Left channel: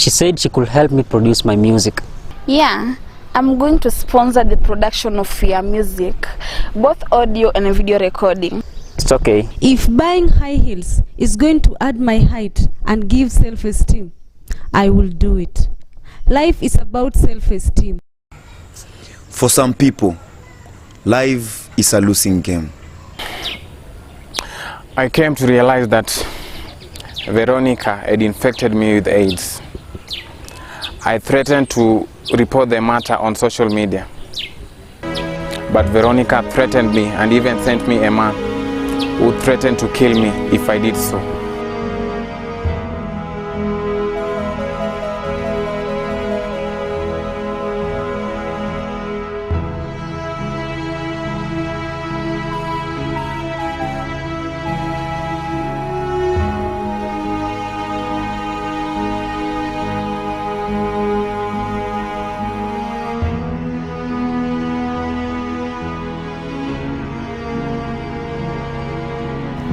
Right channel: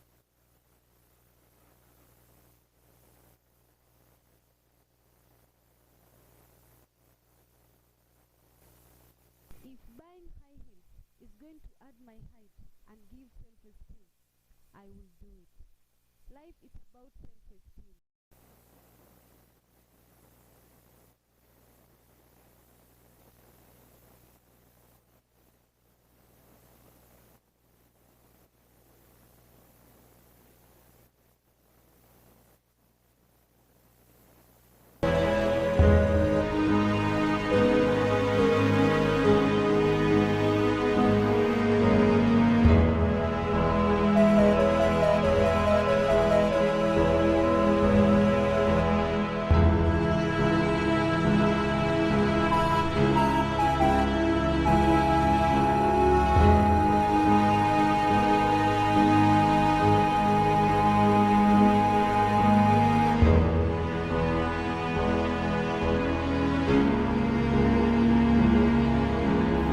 She said she could help me produce my music. Yeah, I'm going to sponsor the production of your music, both audio and video recording. It's okay. If buying high heels is going to add my height and give self-esteem, I will do it. Life is about self-esteem. For some people, life is a losing game. I came to realize that Veronica had infected me with AIDS. I threatened to report the matter on social media. But Veronica threatened me and even sent me a man who threatened to kill me if I did so.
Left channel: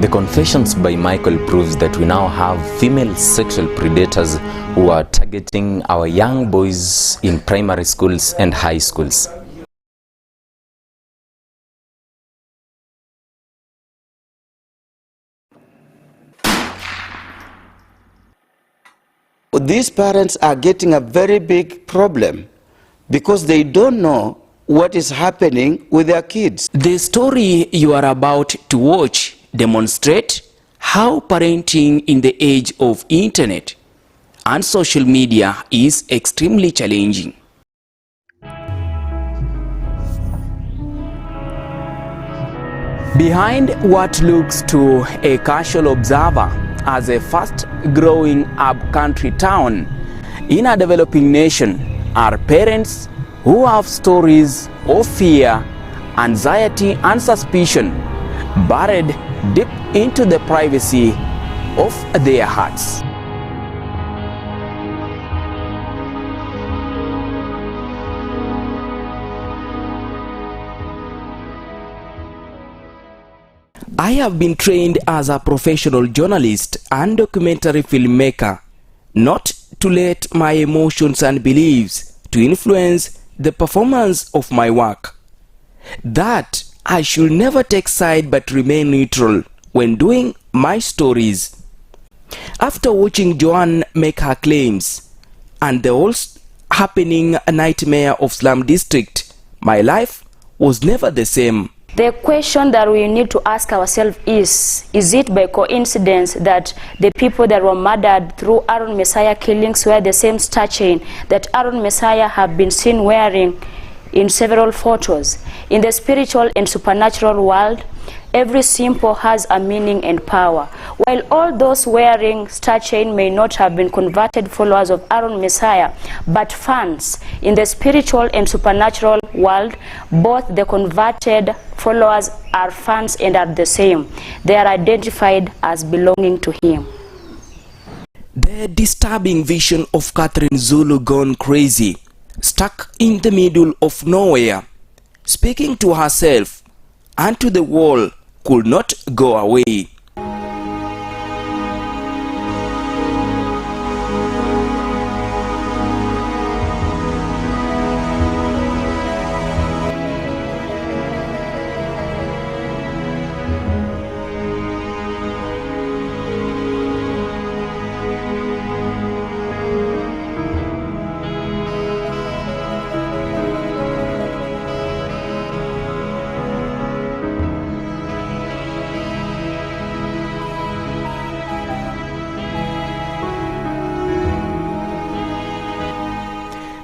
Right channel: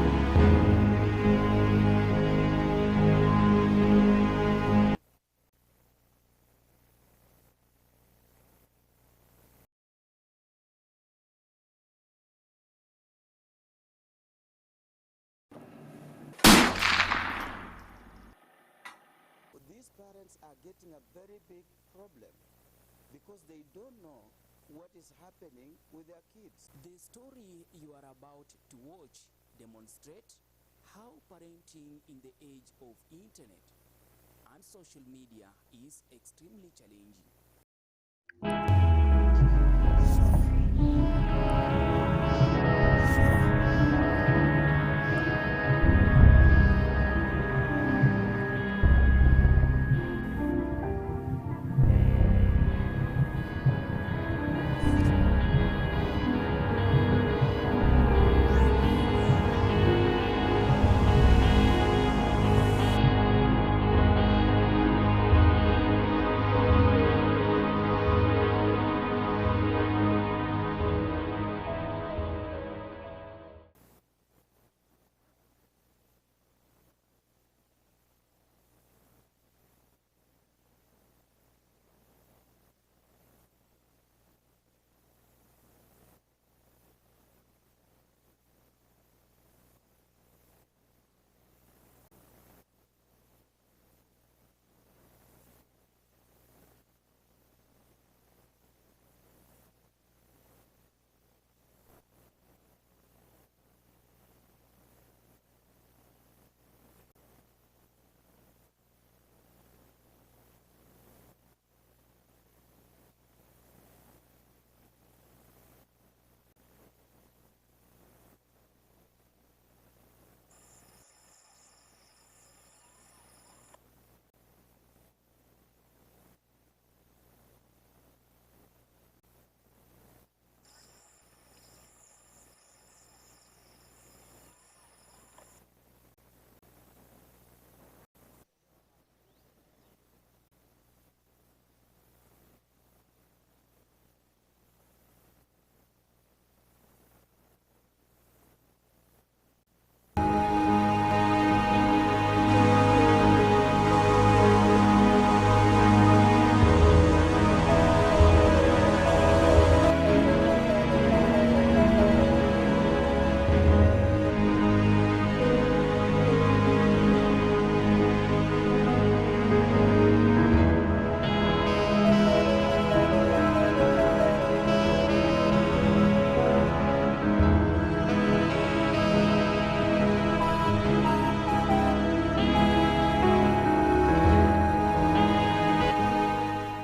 The confessions by Michael proves that we now have female sexual predators who are targeting our young boys in primary schools and high schools. These parents are getting a very big problem because they don't know what is happening with their kids. The story you are about to watch demonstrate how parenting in the age of internet and social media is extremely challenging. Behind what looks to a casual observer as a fast-growing up-country town in a developing nation are parents who have stories of fear, anxiety and suspicion buried deep into the privacy of their hearts. I have been trained as a professional journalist and documentary filmmaker not to let my emotions and beliefs to influence the performance of my work. That I should never take side but remain neutral when doing my stories. After watching Joanne make her claims and the whole happening nightmare of Slum District, my life was never the same. The question that we need to ask ourselves is it by coincidence that the people that were murdered through Aaron Messiah killings wear the same star chain that Aaron Messiah have been seen wearing in several photos? In the spiritual and supernatural world, every symbol has a meaning and power. While all those wearing star chain may not have been converted followers of Aaron Messiah, but fans in the spiritual and supernatural world, both the converted followers are fans and are the same. They are identified as belonging to him. The disturbing vision of Catherine Zulu gone crazy, stuck in the middle of nowhere, speaking to herself and to the wall, could not go away.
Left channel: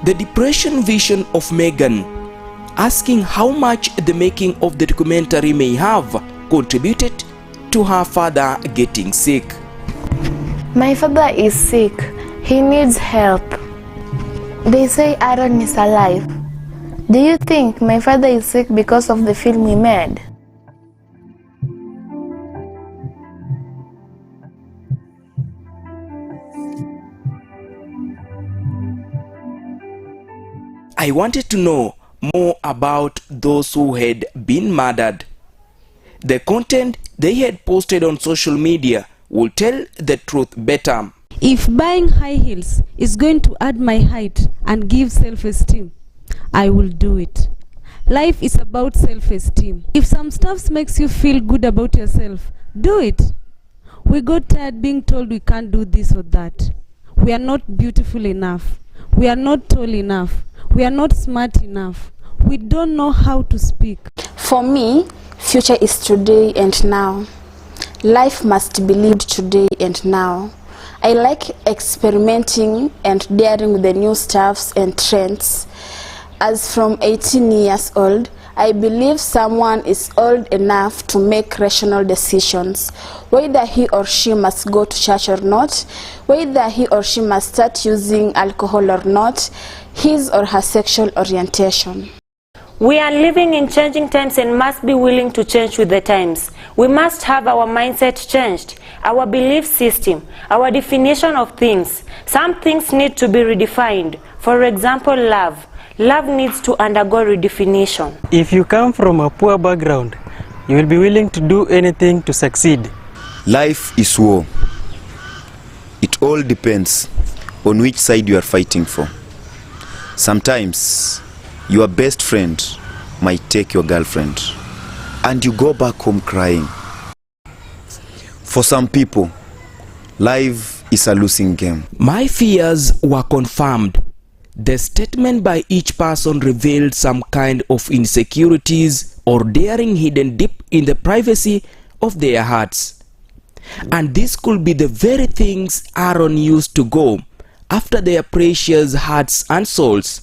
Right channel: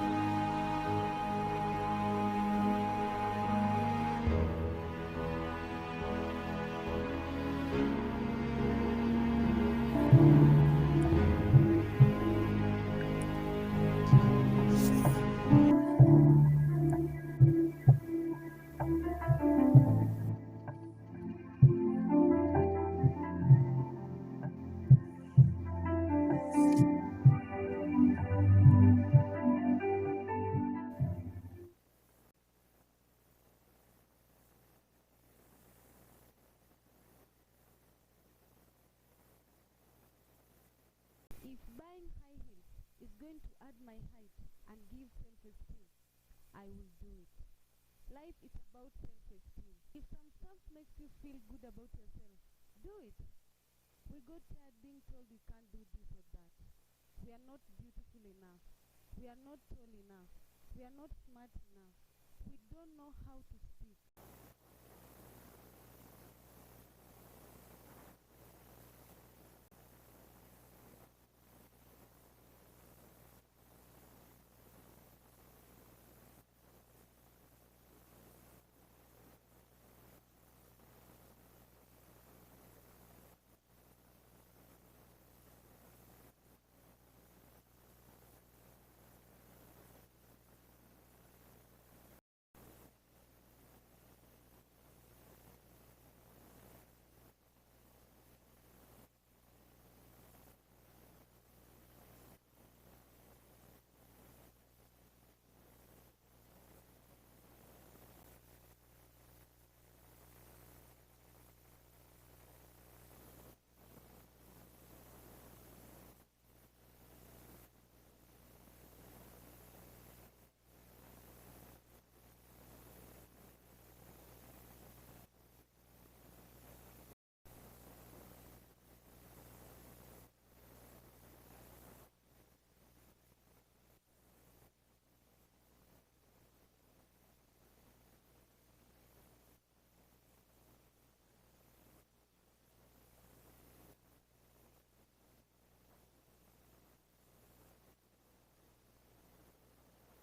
The depression vision of Megan, asking how much the making of the documentary may have contributed to her father getting sick. My father is sick. He needs help. They say Aaron is alive. Do you think my father is sick because of the film we made? I wanted to know more about those who had been murdered. The content they had posted on social media will tell the truth better. If buying high heels is going to add my height and give self-esteem, I will do it. Life is about self-esteem. If some stuff makes you feel good about yourself, do it. We got tired being told we can't do this or that. We are not beautiful enough. We are not tall enough. We are not smart enough. We don't know how to speak. For me, future is today and now. Life must be lived today and now. I like experimenting and daring with the new stuffs and trends. As from 18 years old, I believe someone is old enough to make rational decisions, whether he or she must go to church or not, whether he or she must start using alcohol or not, his or her sexual orientation. We are living in changing times and must be willing to change with the times. We must have our mindset changed, our belief system, our definition of things. Some things need to be redefined. For example, love. Love needs to undergo redefinition. If you come from a poor background, you will be willing to do anything to succeed. Life is war. It all depends on which side you are fighting for. Sometimes your best friend might take your girlfriend and you go back home crying. For some people, life is a losing game. My fears were confirmed. The statement by each person revealed some kind of insecurities or daring hidden deep in the privacy of their hearts. And this could be the very things Aaron used to go after their precious hearts and souls.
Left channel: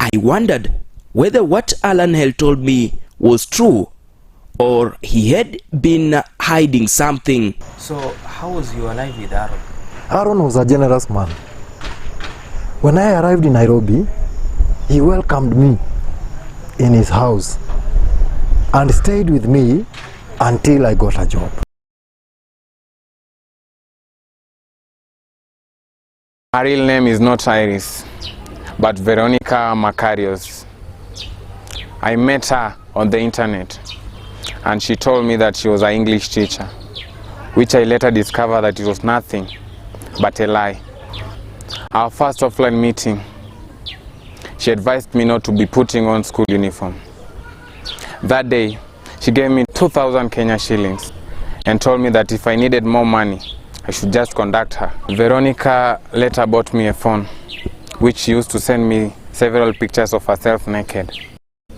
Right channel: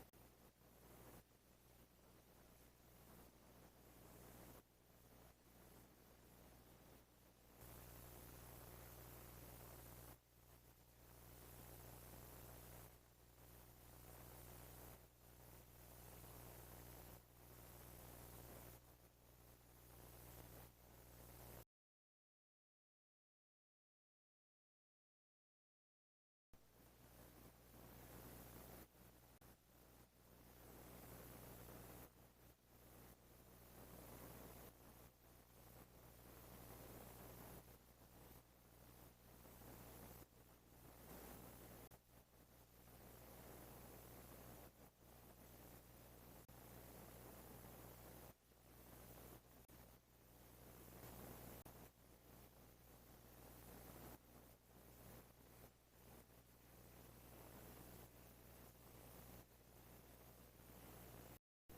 I wondered whether what Alan had told me was true or he had been hiding something. So how was your life with Aaron? Aaron was a generous man. When I arrived in Nairobi, he welcomed me in his house and stayed with me until I got a job. Her real name is not Iris, but Veronica Macarios. I met her on the internet and she told me that she was an English teacher, which I later discovered that it was nothing but a lie. Our first offline meeting, she advised me not to be putting on school uniform. That day, she gave me 2,000 Kenya shillings and told me that if I needed more money, I should just contact her. Veronica later bought me a phone, which she used to send me several pictures of herself naked.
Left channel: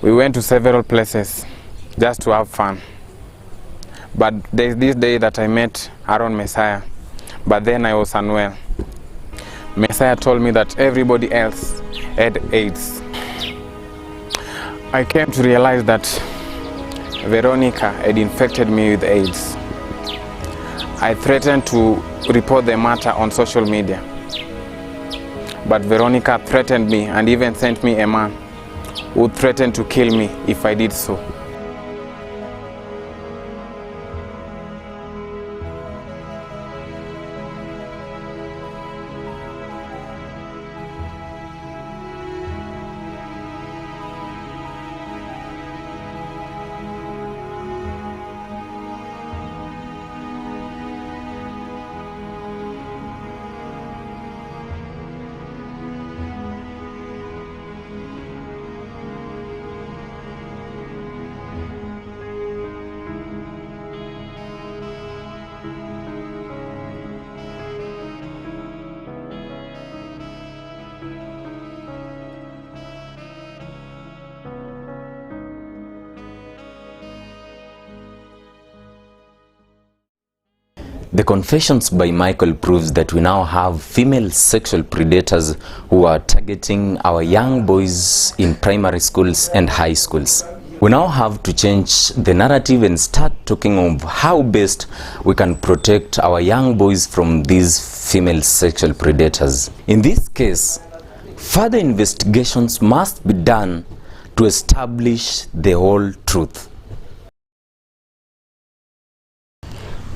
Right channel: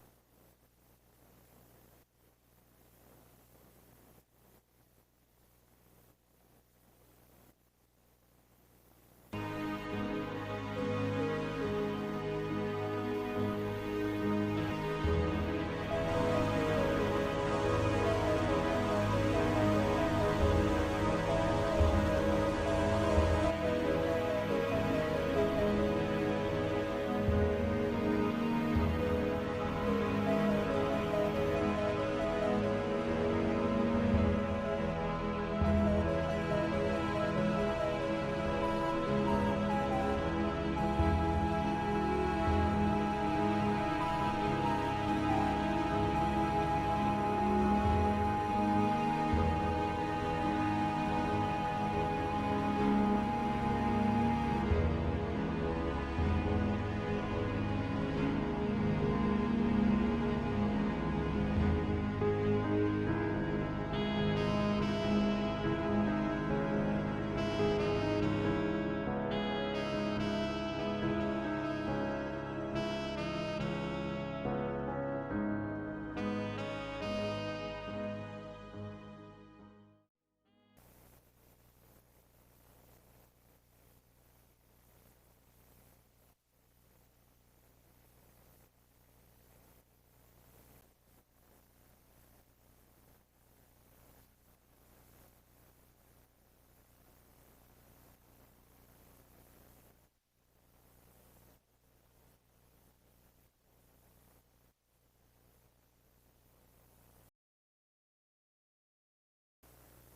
We went to several places just to have fun. But there's this day that I met Aaron Messiah, but then I was unwell. Messiah told me that everybody else had AIDS. I came to realize that Veronica had infected me with AIDS. I threatened to report the matter on social media. But Veronica threatened me and even sent me a man who threatened to kill me if I did so. The confessions by Michael proves that we now have female sexual predators who are targeting our young boys in primary schools and high schools. We now have to change the narrative and start talking of how best we can protect our young boys from these female sexual predators. In this case, further investigations must be done to establish the whole truth.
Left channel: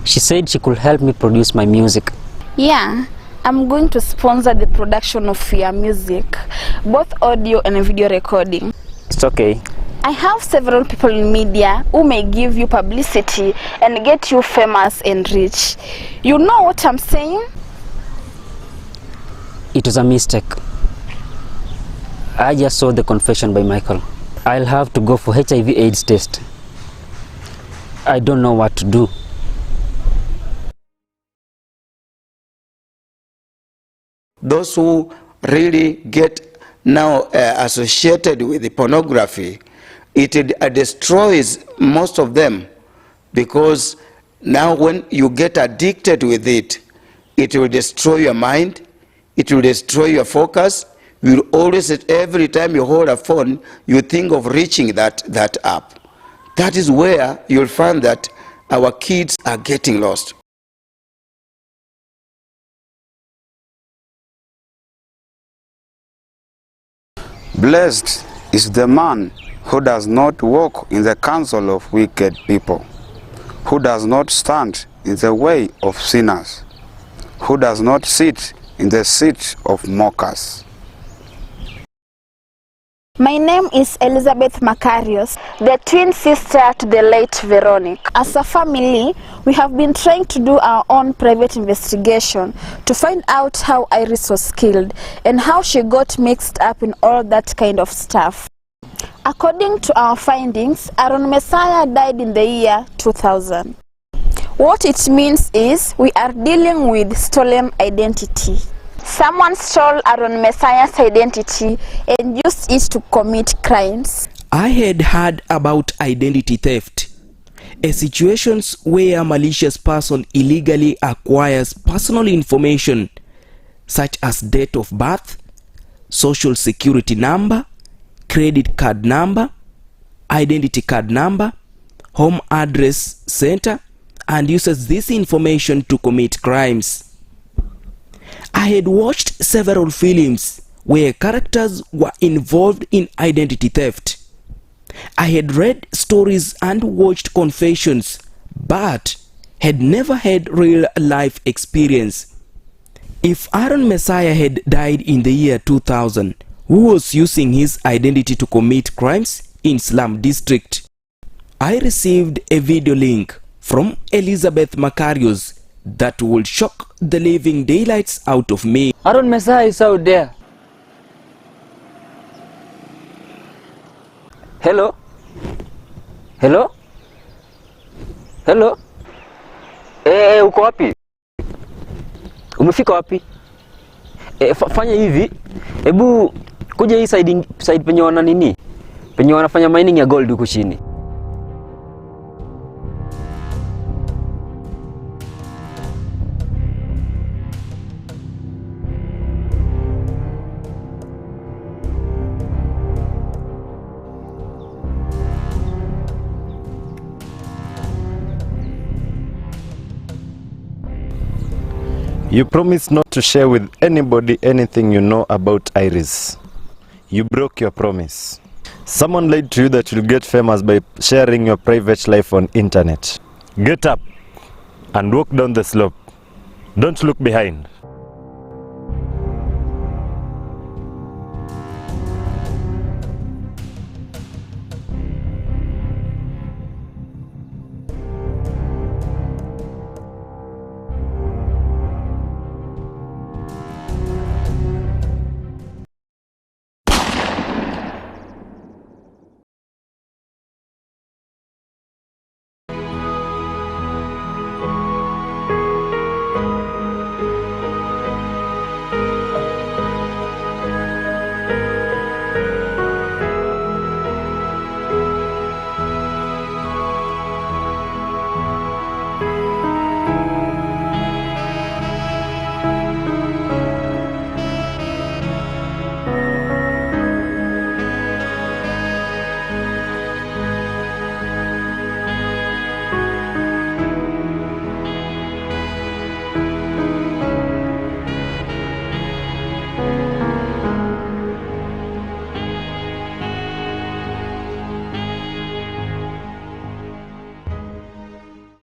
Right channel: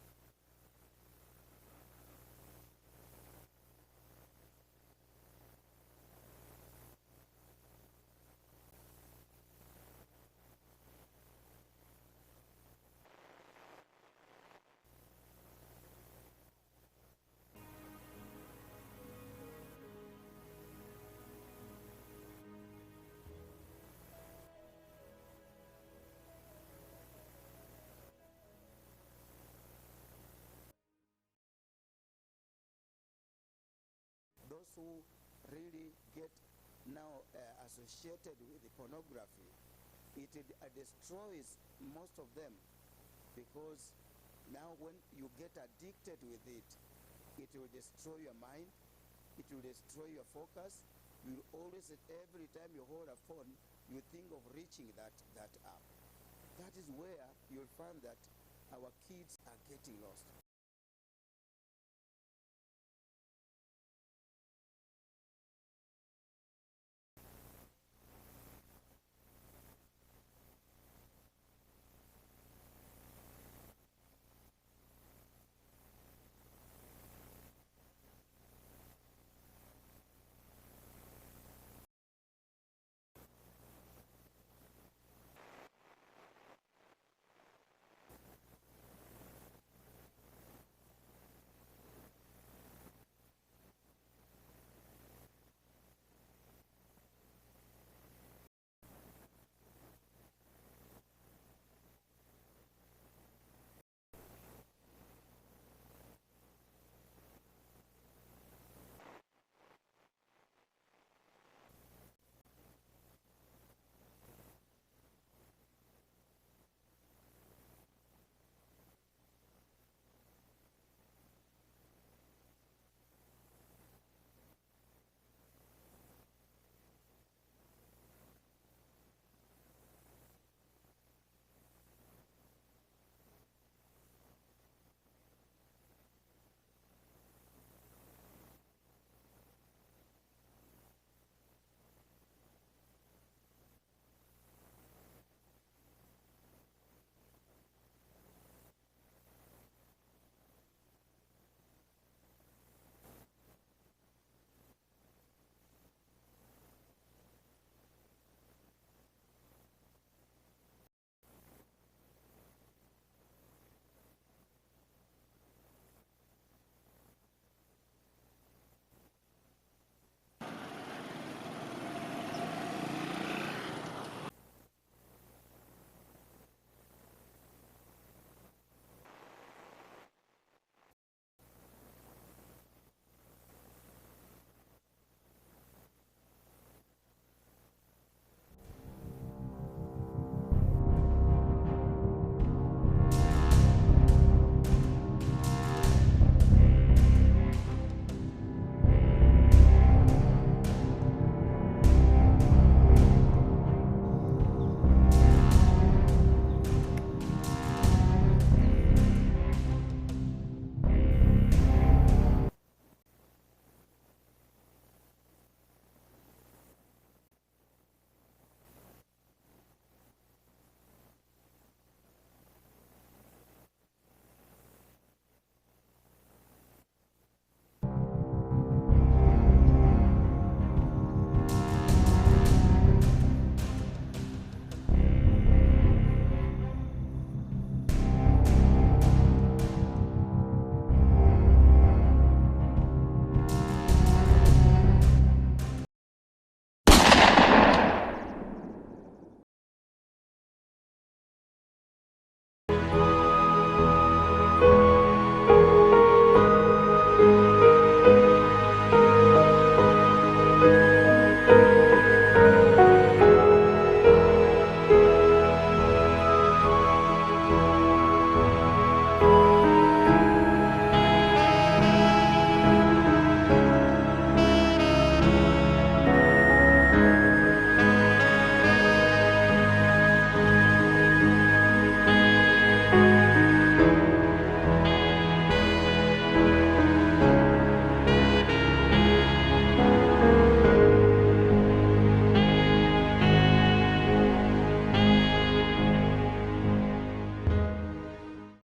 She said she could help me produce my music. Yeah, I'm going to sponsor the production of your music, both audio and video recording. It's okay. I have several people in media who may give you publicity and get you famous and rich. You know what I'm saying? It was a mistake. I just saw the confession by Michael. I'll have to go for HIV/AIDS test. I don't know what to do. Those who really get now associated with the pornography, it destroys most of them, because now when you get addicted with it, it will destroy your mind, it will destroy your focus. You will always, every time you hold a phone, you think of reaching that app. That is where you'll find that our kids are getting lost. Blessed is the man who does not walk in the counsel of wicked people, who does not stand in the way of sinners, who does not sit in the seat of mockers. My name is Elizabeth Macarius, the twin sister to the late Veronica. As a family, we have been trying to do our own private investigation to find out how Iris was killed and how she got mixed up in all that kind of stuff. According to our findings, Aaron Messiah died in the year 2000. What it means is we are dealing with stolen identity. Someone stole Aaron Messiah's identity and used it to commit crimes. I had heard about identity theft, a situation where a malicious person illegally acquires personal information such as date of birth, social security number, credit card number, identity card number, home address center, and uses this information to commit crimes. I had watched several films where characters were involved in identity theft. I had read stories and watched confessions, but had never had real life experience. If Aaron Messiah had died in the year 2000, who was using his identity to commit crimes in Slum District? I received a video link from Elizabeth Macarius that will shock the living daylights out of me. Aaron Messiah is out there. Hello? Hello? Hello? Uko wapi? Umefika wapi? Fanya hivi. Hebu kuja hii side penye wana nini? Penye wanafanya mining ya gold huko chini. You promised not to share with anybody anything you know about Iris. You broke your promise. Someone lied to you that you'll get famous by sharing your private life on internet. Get up and walk down the slope. Don't look behind.